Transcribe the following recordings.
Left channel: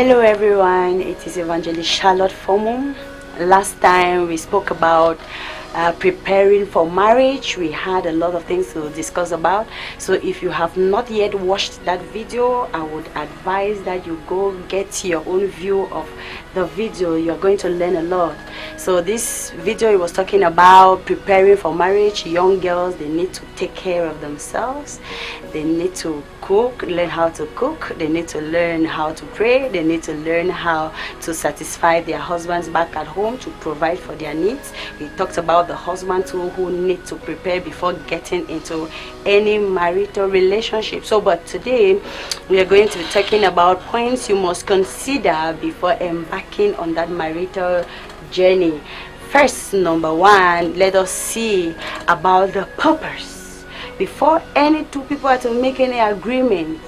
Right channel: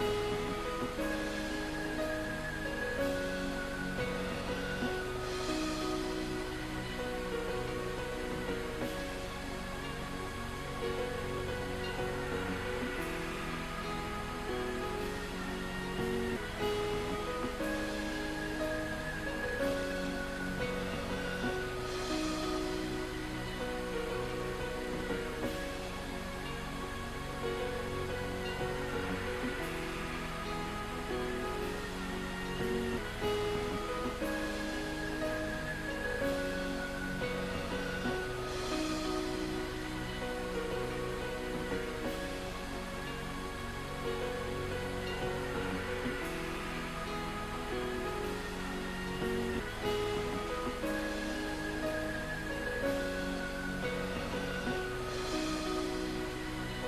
Hello everyone, it is Evangelist Charlotte Fomo. Last time we spoke about preparing for marriage. We had a lot of things to discuss about. So if you have not yet watched that video, I would advise that you go get your own view of the video. You're going to learn a lot. So this video was talking about preparing for marriage. Young girls, they need to take care of themselves. They need to cook, learn how to cook. They need to learn how to pray. They need to learn how to satisfy their husbands back at home, to provide for their needs. We talked about the husbands who need to prepare before getting into any marital relationship. So but today we are going to be talking about points you must consider before embarking on that marital journey. First, number one, let us see about the purpose. Before any two people are to make any agreement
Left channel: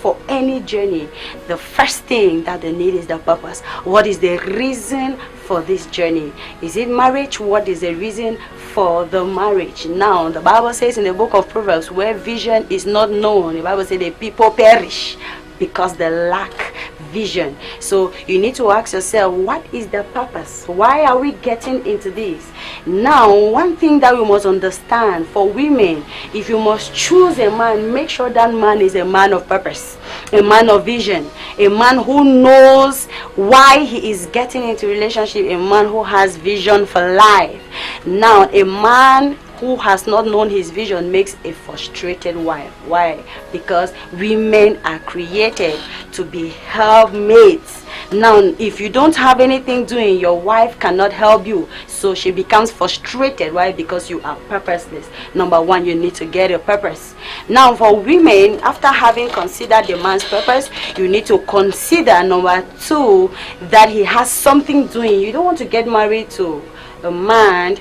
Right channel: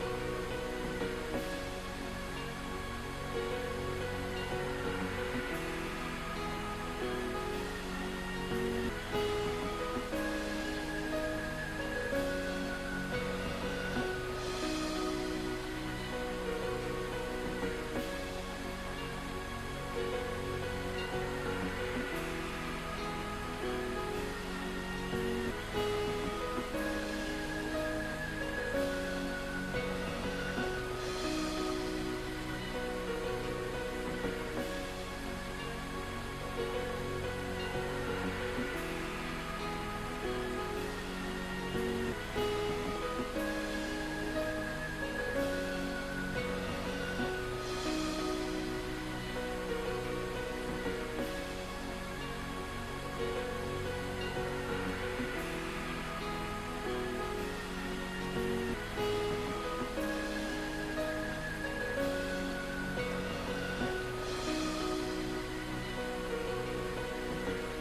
for any journey, the first thing that they need is the purpose. What is the reason for this journey? Is it marriage? What is the reason for the marriage? Now, the Bible says in the book of Proverbs, where vision is not known, the Bible says the people perish because they lack vision. So you need to ask yourself, what is the purpose? Why are we getting into this? Now, one thing that we must understand for women, if you must choose a man, make sure that man is a man of purpose, a man of vision, a man who knows why he is getting into relationship, a man who has vision for life. Now, a man who has not known his vision makes a frustrated wife. Why? Because women are created to be helpmates. Now, if you don't have anything doing, your wife cannot help you. So she becomes frustrated. Why? Because you are purposeless. Number one, you need to get a purpose. Now, for women, after having considered the man's purpose, you need to consider, number two, that he has something doing. You don't want to get married to a man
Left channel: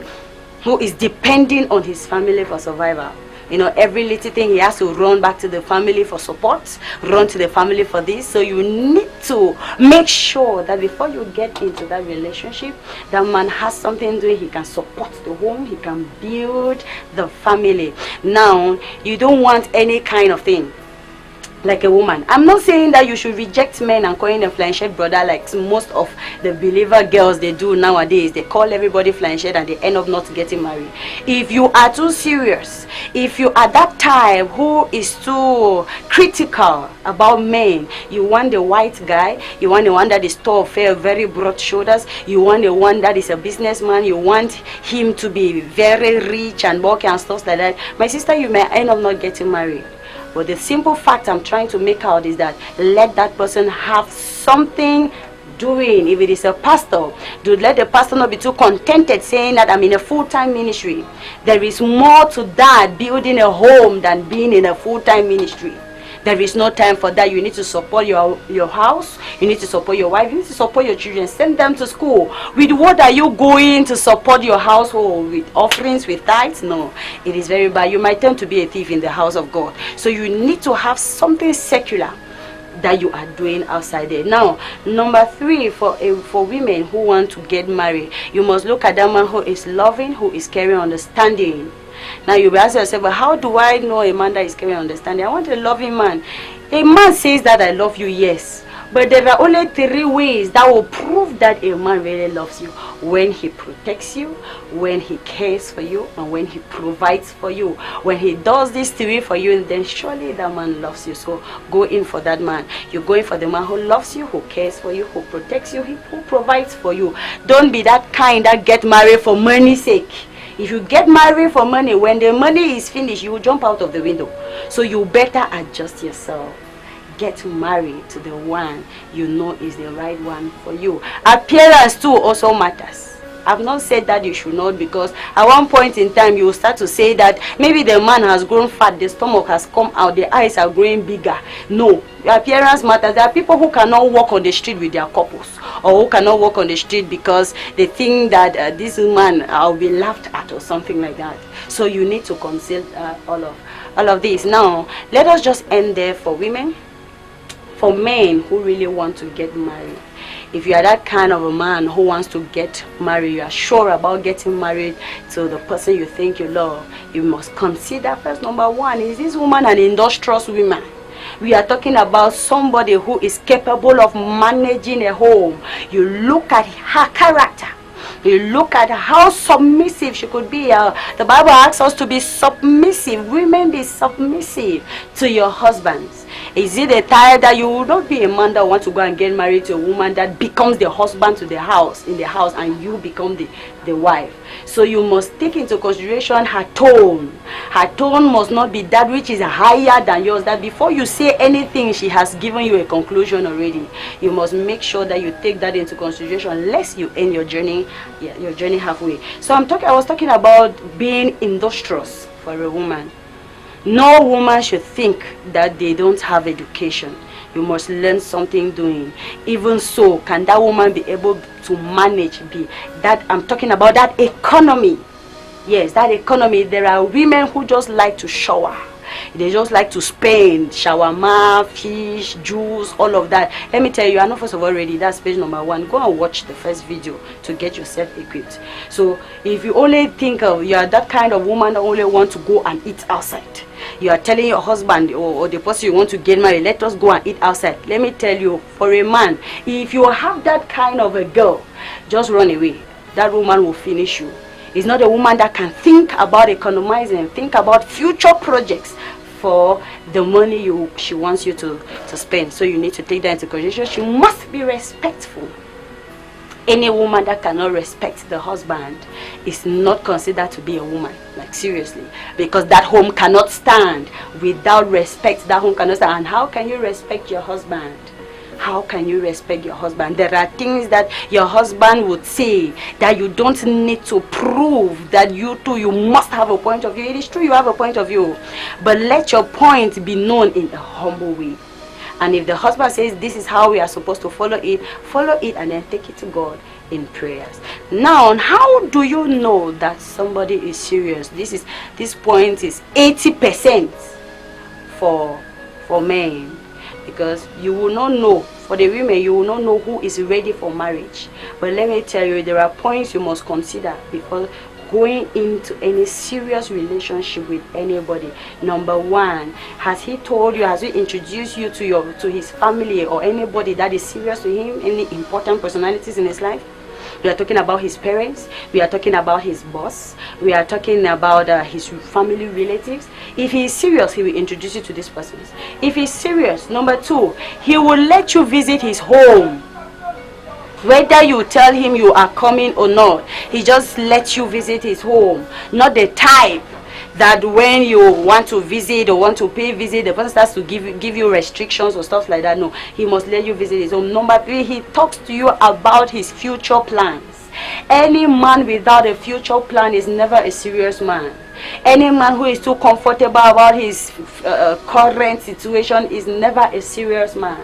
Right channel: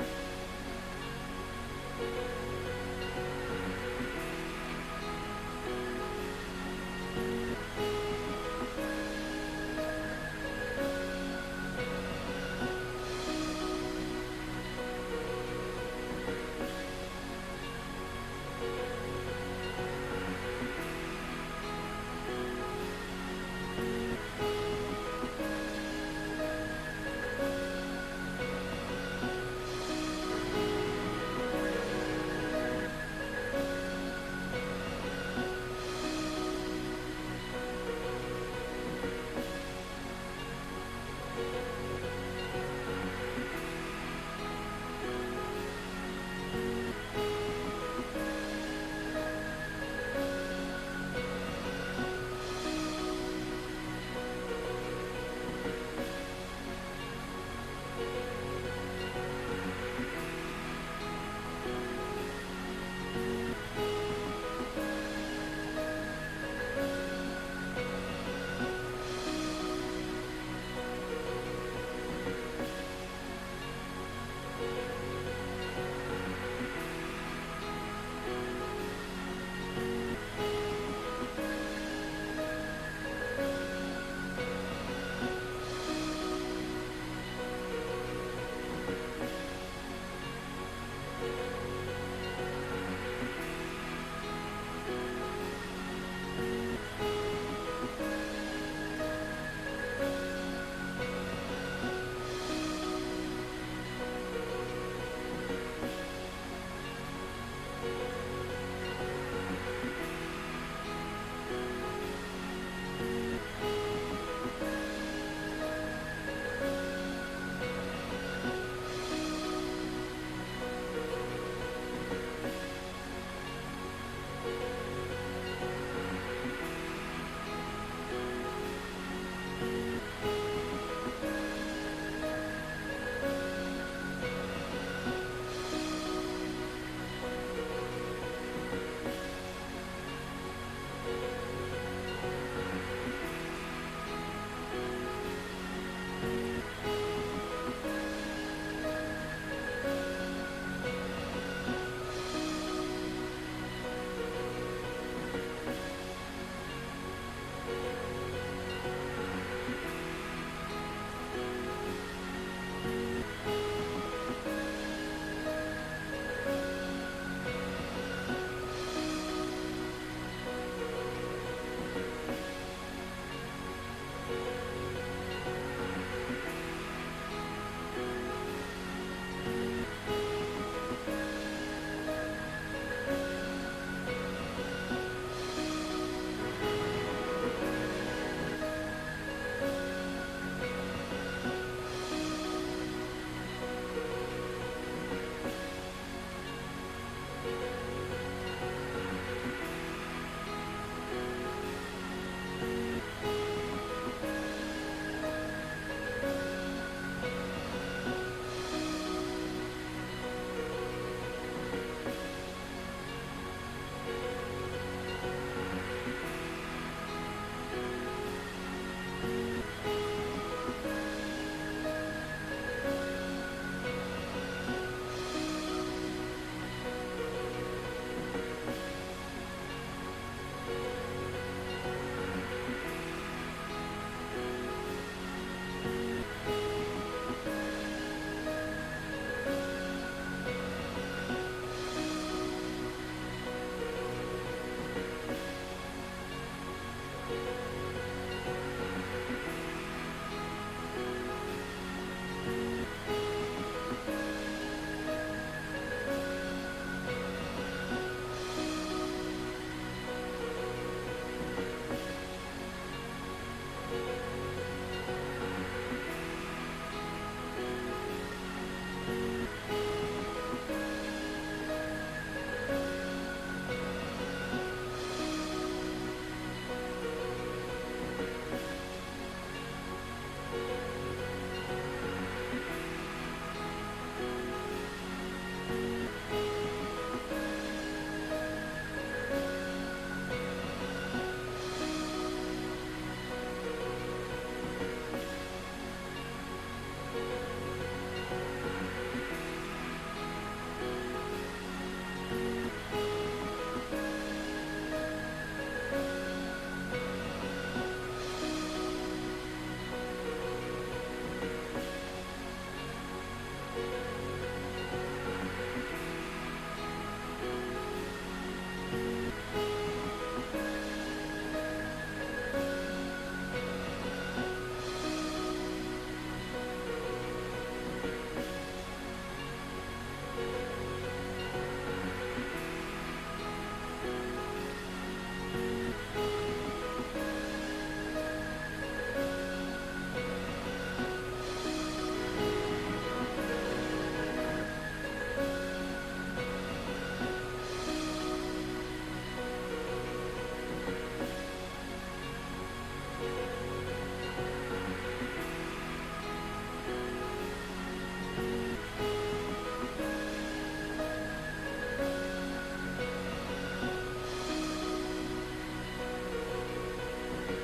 who is depending on his family for survival. You know, every little thing he has to run back to the family for support, run to the family for this. So you need to make sure that before you get into that relationship, that man has something doing. He can support the home, he can build the family. Now, you don't want any kind of thing like a woman. I'm not saying that you should reject men and calling them flying shirt brother like most of the believer girls they do nowadays. They call everybody flying shirt and they end up not getting married. If you are too serious, if you are that type who is too critical about men, you want the white guy, you want the one that is tall, fair, very broad shoulders, you want the one that is a businessman, you want him to be very rich and bulky and stuff like that, my sister, you may end up not getting married. But the simple fact I'm trying to make out is that let that person have something doing. If it is a pastor, do let the pastor not be too contented saying that I'm in a full-time ministry. There is more to that, building a home, than being in a full-time ministry. There is no time for that. You need to support your house. You need to support your wife. You need to support your children. Send them to school. With what are you going to support your household? With offerings, with tithes? No. It is very bad. You might turn to be a thief in the house of God. So you need to have something secular that you are doing outside there. Now, number three, for women who want to get married, you must look at that man who is loving, who is caring, understanding. Now you will ask yourself, but how do I know a man that is caring, understanding? I want a loving man. A man says that I love you, yes. But there are only three ways that will prove that a man really loves you. When he protects you, when he cares for you, and when he provides for you. When he does these three for you, then surely that man loves you. So go in for that man. You go in for the man who loves you, who cares for you, who protects you, who provides for you. Don't be that kind that get married for money's sake. If you get married for money, when the money is finished, you will jump out of the window. So you better adjust yourself. Get married to the one you know is the right one for you. Appearance too also matters. I've not said that you should not, because at one point in time you will start to say that maybe the man has grown fat, the stomach has come out, the eyes are growing bigger. No, your appearance matters. There are people who cannot walk on the street with their couples, or who cannot walk on the street because they think that this man will be laughed at or something like that. So you need to consider all of this. Now, let us just end there for women. For men who really want to get married, if you are that kind of a man who wants to get married, you are sure about getting married to the person you think you love, you must consider first, number one, is this woman an industrious woman? We are talking about somebody who is capable of managing a home. You look at her character. You look at how submissive she could be. The Bible asks us to be submissive. Women, be submissive to your husbands. Is it a time that you will not be a man that wants to go and get married to a woman that becomes the husband to the house, in the house, and you become the wife? So you must take into consideration her tone. Her tone must not be that which is higher than yours, that before you say anything, she has given you a conclusion already. You must make sure that you take that into consideration, lest you end your journey halfway. So I was talking about being industrious for a woman. No woman should think that they don't have education. You must learn something doing. Even so, can that woman be able to manage that? I'm talking about that economy. Yes, that economy. There are women who just like to shower. They just like to spend shawarma, fish, juice, all of that. Let me tell you, I know first of all already, that's page number 1. Go and watch the first video to get yourself equipped. So if you only think of, you are that kind of woman that only want to go and eat outside. You are telling your husband or the person you want to get married, let us go and eat outside. Let me tell you, for a man, if you have that kind of a girl, just run away. That woman will finish you. It's not a woman that can think about economizing, think about future projects for the money she wants you to spend. So you need to take that into consideration. She must be respectful. Any woman that cannot respect the husband is not considered to be a woman. Like, seriously. Because that home cannot stand. Without respect, that home cannot stand. And how can you respect your husband? How can you respect your husband? There are things that your husband would say that you don't need to prove that you must have a point of view. It is true you have a point of view. But let your point be known in a humble way. And if the husband says this is how we are supposed to follow it and then take it to God in prayers. Now, how do you know that somebody is serious? This point is 80% for men, because you will not know. For the women, you will not know who is ready for marriage. But let me tell you, there are points you must consider before going into any serious relationship with anybody. Number 1, has he told you, has he introduced you to his family or anybody that is serious to him, any important personalities in his life? We are talking about his parents, we are talking about his boss, we are talking about his family relatives. If he is serious, he will introduce you to these persons. If he's serious, number 2, he will let you visit his home. Whether you tell him you are coming or not, he just lets you visit his home. Not the type that when you want to visit or want to pay visit, the person starts to give you restrictions or stuff like that. No, he must let you visit his home. Number 3, he talks to you about his future plans. Any man without a future plan is never a serious man. Any man who is too comfortable about his current situation is never a serious man.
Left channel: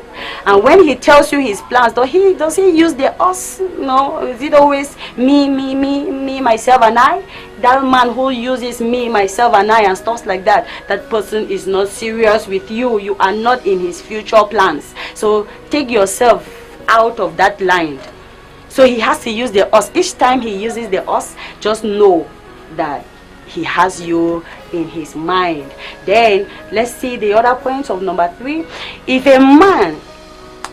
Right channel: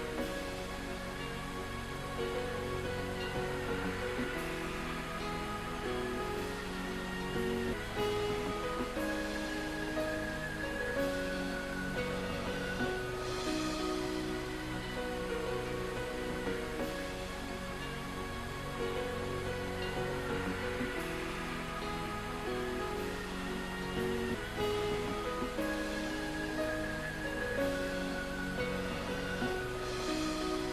And when he tells you his plans, does he use the us? No, is it always me, myself, and I? That man who uses me, myself, and I and stuff like that, that person is not serious with you. You are not in his future plans. So take yourself out of that line. So he has to use the us. Each time he uses the us, just know that he has you in his mind. Then let's see the other points of number 3. If a man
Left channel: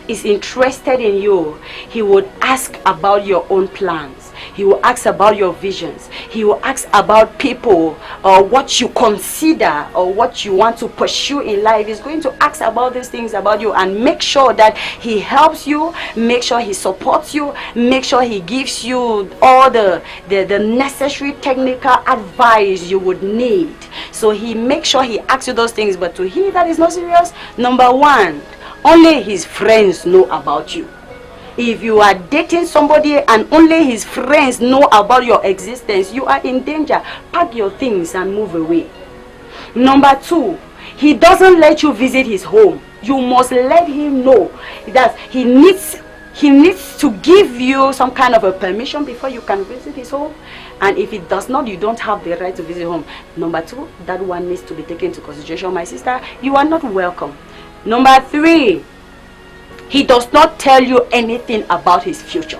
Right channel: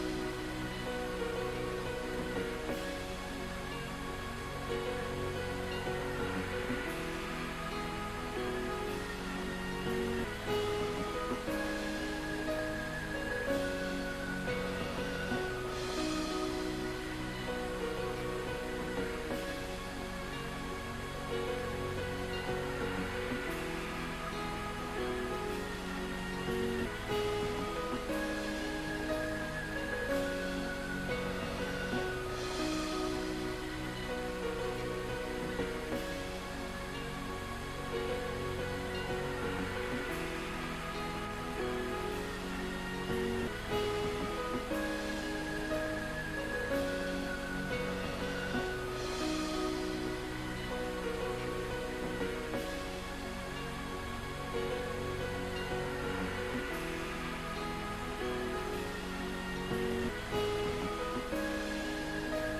is interested in you, he would ask about your own plans. He will ask about your visions. He will ask about people or what you consider or what you want to pursue in life. He's going to ask about these things about you and make sure that he helps you, make sure he supports you, make sure he gives you all the necessary technical advice you would need. So he makes sure he asks you those things. But to him that is not serious, number 1, only his friends know about you. If you are dating somebody and only his friends know about your existence, you are in danger. Pack your things and move away. Number 2, he doesn't let you visit his home. You must let him know that he needs to give you some kind of a permission before you can visit his home. And if it does not, you don't have the right to visit home. Number 2, that one needs to be taken into consideration. My sister, you are not welcome. Number 3, he does not tell you anything about his future.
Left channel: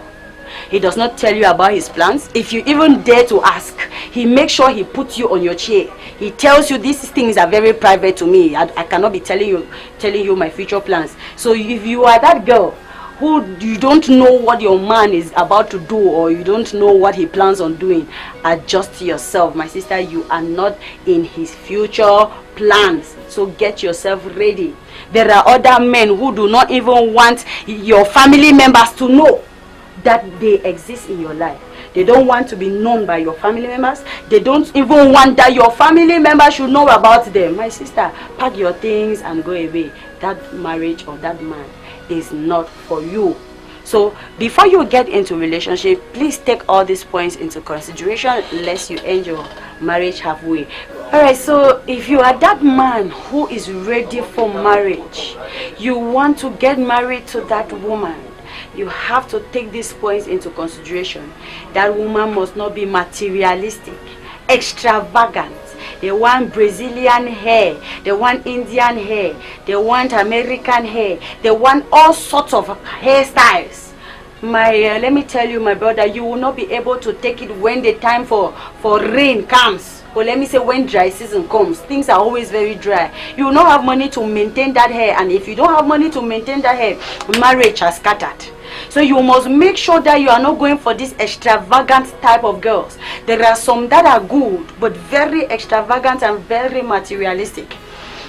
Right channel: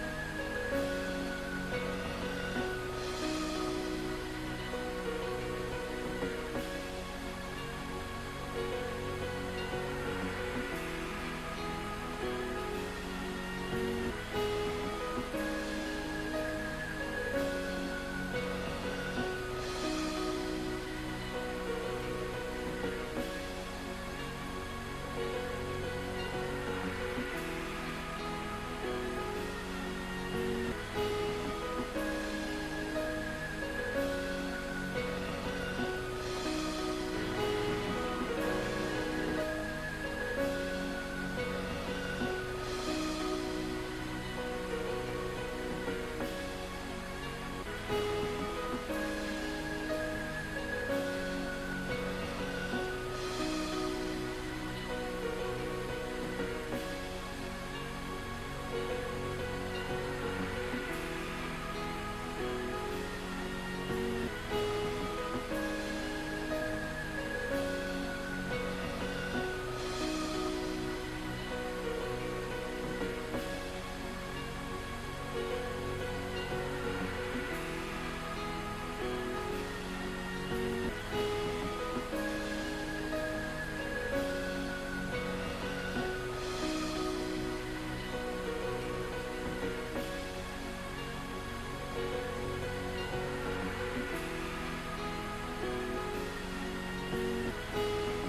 He does not tell you about his plans. If you even dare to ask, he makes sure he puts you on your chair. He tells you these things are very private to me. I cannot be telling you my future plans. So if you are that girl who you don't know what your man is about to do, or you don't know what he plans on doing, adjust yourself, my sister. You are not in his future plans, so get yourself ready. There are other men who do not even want your family members to know that they exist in your life. They don't want to be known by your family members. They don't even want that your family members should know about them. My sister, pack your things and go away. That marriage or that man is not for you. So before you get into relationship, please take all these points into consideration, lest you end your marriage halfway. Alright, so if you are that man who is ready for marriage, you want to get married to that woman, you have to take these points into consideration. That woman must not be materialistic, extravagant. They want Brazilian hair, they want Indian hair, they want American hair, they want all sorts of hairstyles. Let me tell you, my brother, you will not be able to take it when the time for rain comes. Or let me say when dry season comes. Things are always very dry. You will not have money to maintain that hair, and if you don't have money to maintain that hair, marriage has scattered. So you must make sure that you are not going for this extravagant type of girls. There are some that are good, but very extravagant and very materialistic.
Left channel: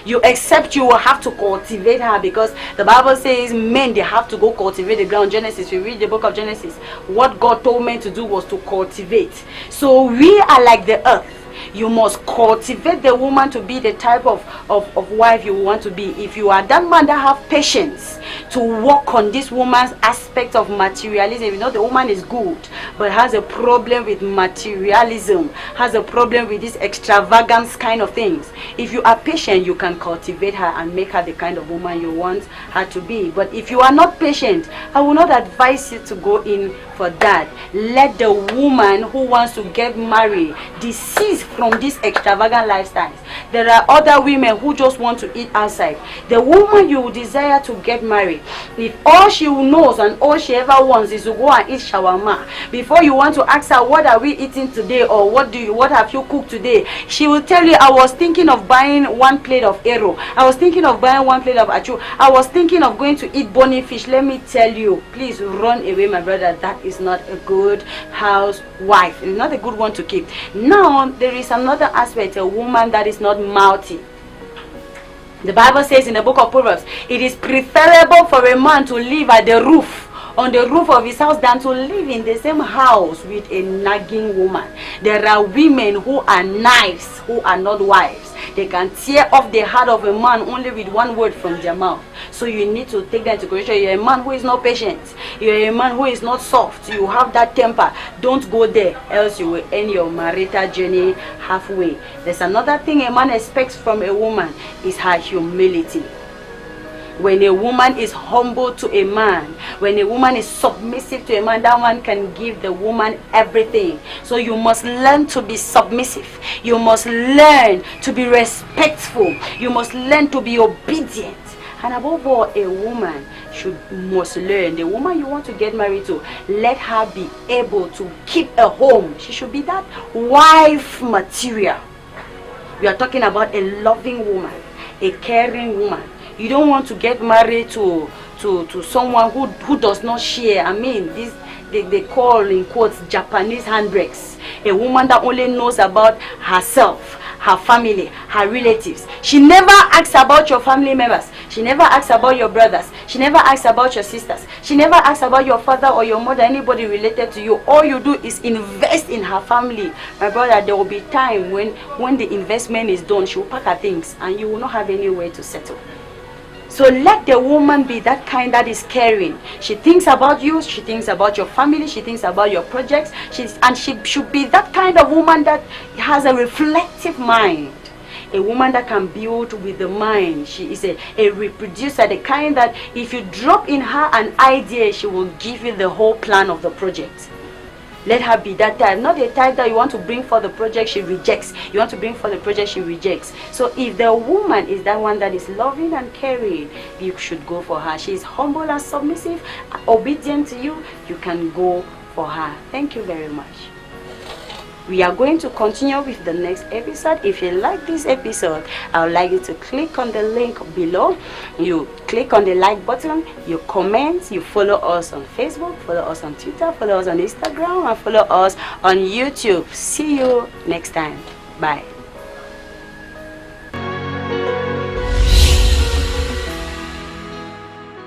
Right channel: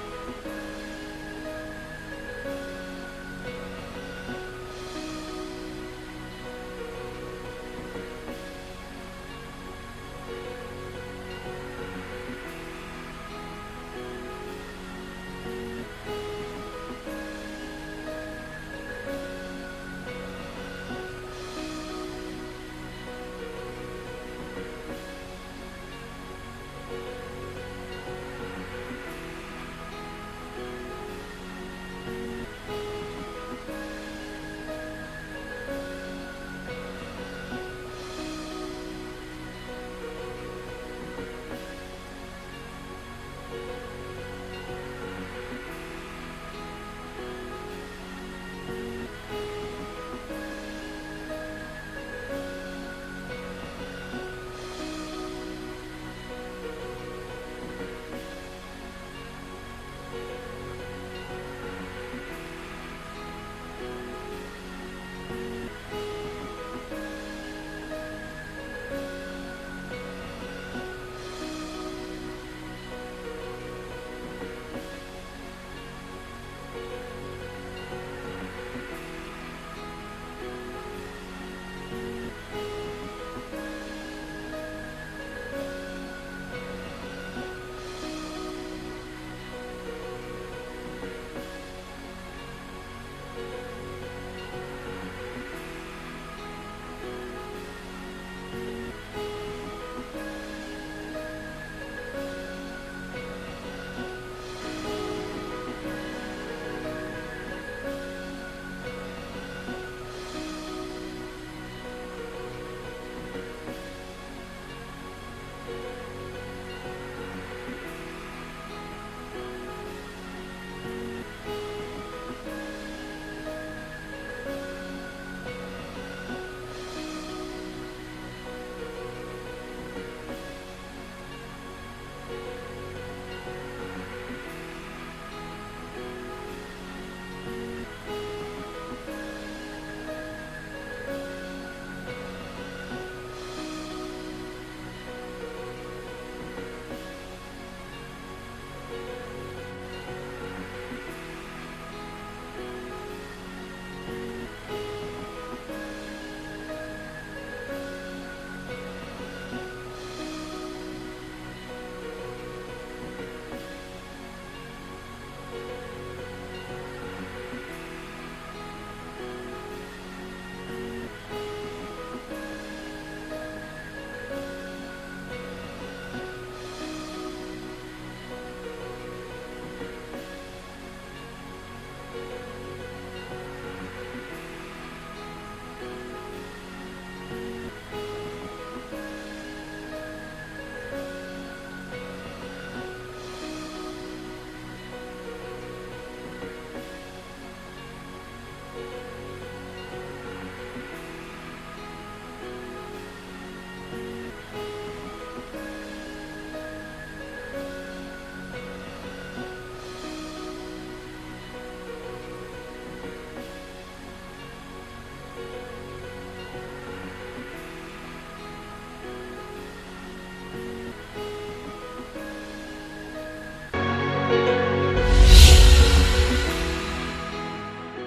You accept you will have to cultivate her, because the Bible says men, they have to go cultivate the ground. Genesis, you read the book of Genesis, what God told men to do was to cultivate. So we are like the earth. You must cultivate the woman to be the type of wife you want to be. If you are that man that have patience to work on this woman's aspect of materialism, you know the woman is good but has a problem with materialism, has a problem with this extravagance kind of things. If you are patient, you can cultivate her and make her the kind of woman you want her to be. But if you are not patient, I will not advise you to go in for that. Let the woman who wants to get married desist from these extravagant lifestyles. There are other women who just want to eat outside. The woman you desire to get married, if all she knows and all she ever wants is to go and eat shawarma, before you want to ask her what are we eating today, or what have you cooked today, she will tell you, I was thinking of buying one plate of ero, I was thinking of buying one plate of achu, I was thinking of going to eat bony fish. Let me tell you, please run away, my brother. That is not a good housewife. It's not a good one to keep. Now there is another aspect, a woman that is not mouthy. The Bible says in the book of Proverbs, it is preferable for a man to live at the roof, on the roof of his house, than to live in the same house with a nagging woman. There are women who are knives, who are not wives. They can tear off the heart of a man only with one word from their mouth. So you need to take that into consideration. You're a man who is not patient. You're a man who is not soft. You have that temper. Don't go there, else you will end your marital journey halfway. There's another thing a man expects from a woman, is her humility. When a woman is humble to a man, when a woman is submissive to a man, that man can give the woman everything. So you must learn to be submissive. You must learn to be respectful. You must learn to be obedient. And above all, a woman must learn. The woman you want to get married to, let her be able to keep a home. She should be that wife material. We are talking about a loving woman, a caring woman. You don't want to get married to someone who does not share. I mean, they call in quotes Japanese handbrakes. A woman that only knows about herself, her family, her relatives. She never asks about your family members. She never asks about your brothers. She never asks about your sisters. She never asks about your father or your mother, anybody related to you. All you do is invest in her family. My brother, there will be time when the investment is done, she will pack her things and you will not have anywhere to settle. So let the woman be that kind that is caring. She thinks about you, she thinks about your family, she thinks about your projects. She should be that kind of woman that has a reflective mind. A woman that can build with the mind. She is a reproducer, the kind that if you drop in her an idea, she will give you the whole plan of the project. Let her be that type, not a type that you want to bring for the project, she rejects. You want to bring for the project, she rejects. So if the woman is that one that is loving and caring, you should go for her. She is humble and submissive, obedient to you, you can go for her. Thank you very much. We are going to continue with the next episode. If you like this episode, I would like you to click on the link below. You click on the like button, you comment, you follow us on Facebook, follow us on Twitter, follow us on Instagram, and follow us on YouTube. See you next time. Bye.